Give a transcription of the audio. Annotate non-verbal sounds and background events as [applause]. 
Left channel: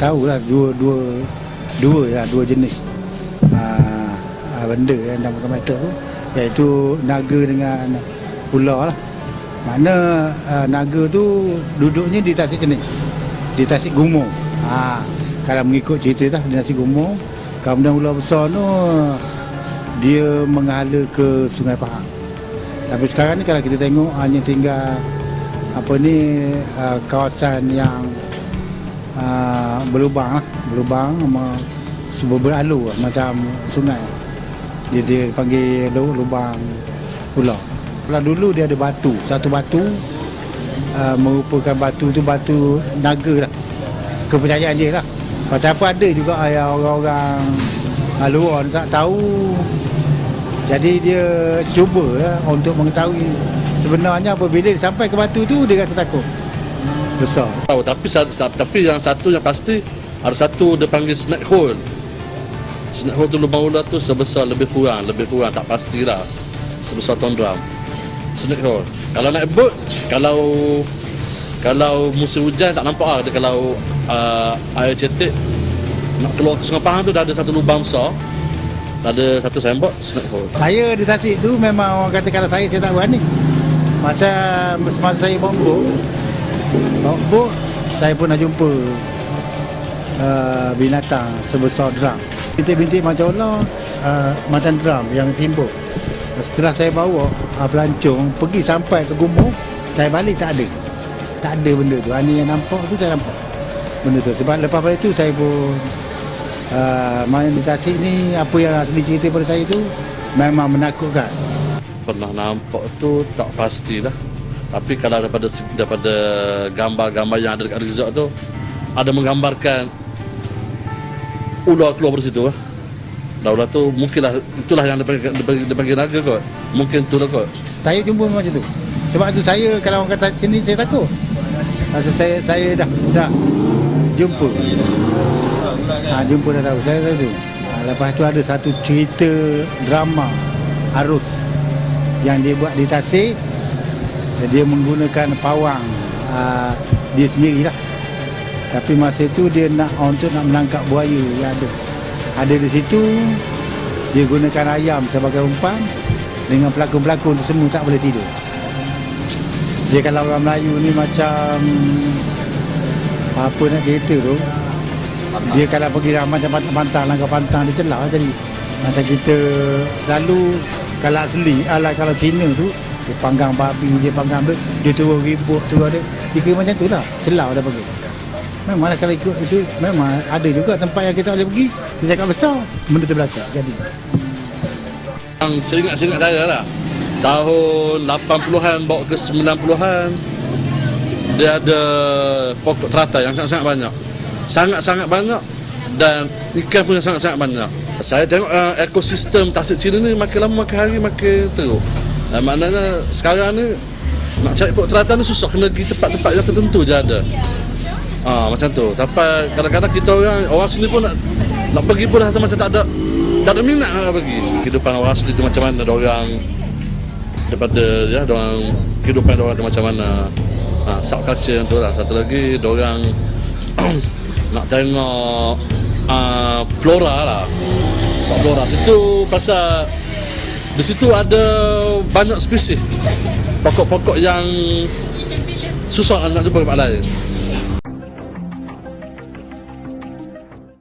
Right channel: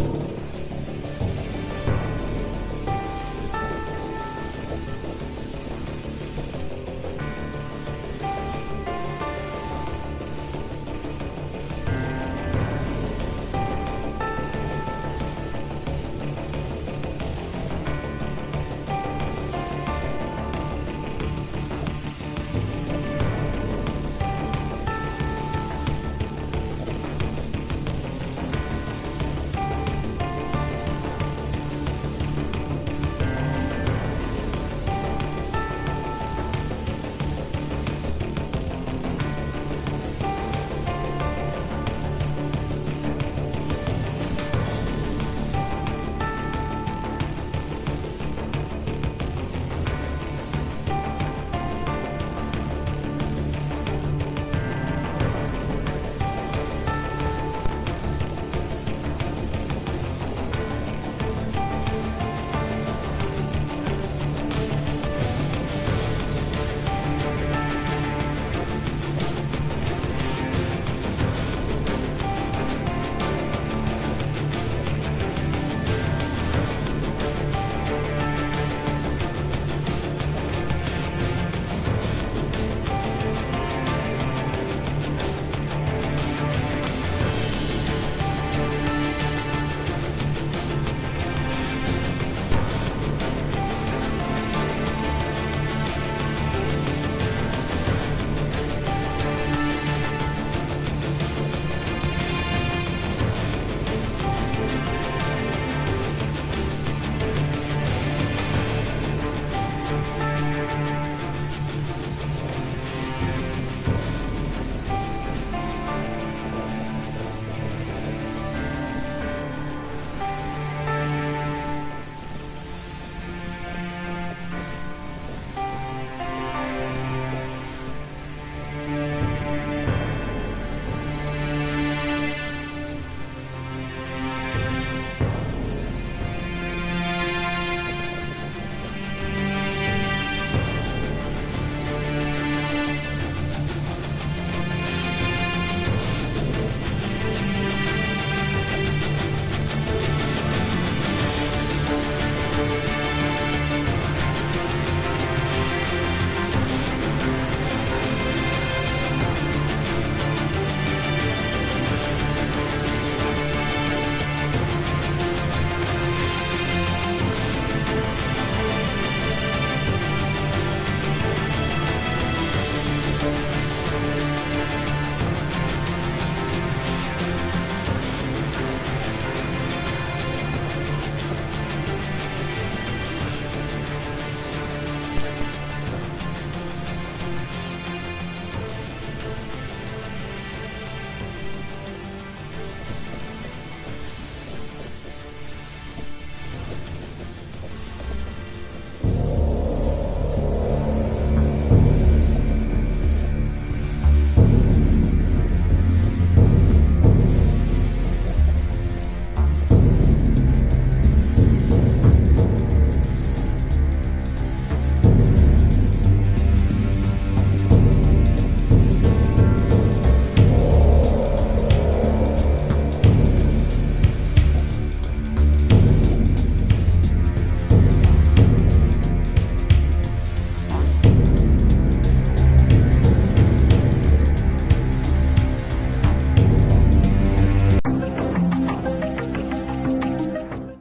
tahu lah dua dua dua lah dua jenis uh, benda yang dalam meter tu iaitu naga dengan ular lah. Mana uh, naga tu duduknya di Tasik Kenis. Di Tasik Gumo. Ha, kalau mengikut cerita lah di Tasik Gumo, kemudian ular besar tu dia menghala ke Sungai Pahang. Tapi sekarang ni kalau kita tengok hanya tinggal apa ni uh, kawasan yang uh, berlubang lah, berlubang sama sumber beralur lah, macam sungai. Dia dia panggil lu- lubang ular. Kalau dulu dia ada batu, satu batu uh, merupakan batu tu batu naga lah. Kepercayaan dia lah. Pasal apa ada juga yang orang-orang luar tak tahu jadi dia cuba lah untuk mengetahui sebenarnya apabila sampai ke batu tu dia rasa takut. Besar. tahu tapi tapi yang satu yang pasti ada satu dia panggil snack hole. Snack hole tu lubang ular tu sebesar lebih kurang lebih kurang tak pastilah sebesar ton drum snack hole. Kalau naik boat kalau kalau musim hujan tak nampak lah. Dia kalau uh, air cetek nak keluar ke sungai Pahang tu dah ada satu lubang besar. Ada satu sembok snack hole. Saya di Tasik tu memang orang kata kalau saya saya tak berani. Masa semasa saya bawa bot, saya pun nak jumpa uh, binatang sebesar drum. Bintik-bintik macam mana uh, macam drum yang timbul. Setelah saya bawa uh, pelancong pergi sampai ke gumuk, saya balik tak ada. Tak ada benda tu. Hanya yang nampak tu saya nampak. Benda tu. Sebab lepas pada tu saya pun uh, main di Tasik ni apa yang asli cerita pada saya tu memang menakutkan. pernah nampak tu tak pastilah tapi kalau daripada daripada gambar-gambar yang ada dekat resort tu ada menggambarkan ular keluar dari situ lah. Dan ular tu mungkinlah itulah yang dipanggil, dipanggil, naga kot. Mungkin tu lah kot. Saya jumpa macam tu. Sebab tu saya kalau orang kata sini saya takut. Masa saya saya dah dah jumpa. Ha, jumpa dah tahu saya tadi. Ha, lepas tu ada satu cerita drama arus yang dia buat di Tasik. Dia menggunakan pawang ha, dia sendiri lah. Tapi masa itu dia nak untuk nak menangkap buaya yang ada. Ada di situ dia gunakan ayam sebagai umpan dengan pelakon-pelakon semua tak boleh tidur. Dia kalau orang Melayu ni macam apa nak cerita tu dia kalau pergi macam pantang langkah pantang dia celah jadi macam kita selalu kalau asli ala kalau Cina tu dia panggang babi dia panggang apa dia turun ribut tu ada. Dia macam tu lah. Celah dah pergi memang kalau ikut itu memang ada juga tempat yang kita boleh pergi dia cakap besar benda terbelakang. Jadi Yang seingat-seingat saya lah. Tahun 80-an bawa ke 90-an dia ada pokok teratai yang sangat-sangat banyak. Sangat-sangat banyak dan ikan pun sangat-sangat banyak. Saya tengok uh, ekosistem Tasik Cina ni makin lama makin hari makin teruk dan maknanya sekarang ni nak cari pokok teratai ni susah kena pergi tempat-tempat yang tertentu je ada Ah macam tu. Sampai kadang-kadang kita orang orang sini pun nak nak pergi pun rasa macam tak ada tak ada minat nak pergi. Kehidupan orang asli tu macam mana orang daripada ya orang kehidupan orang tu macam mana. Ha, subculture tu lah. Satu lagi orang [clears throat] nak tengok uh, flora lah. Flora situ pasal di situ ada banyak spesies pokok-pokok yang susah nak jumpa tempat lain.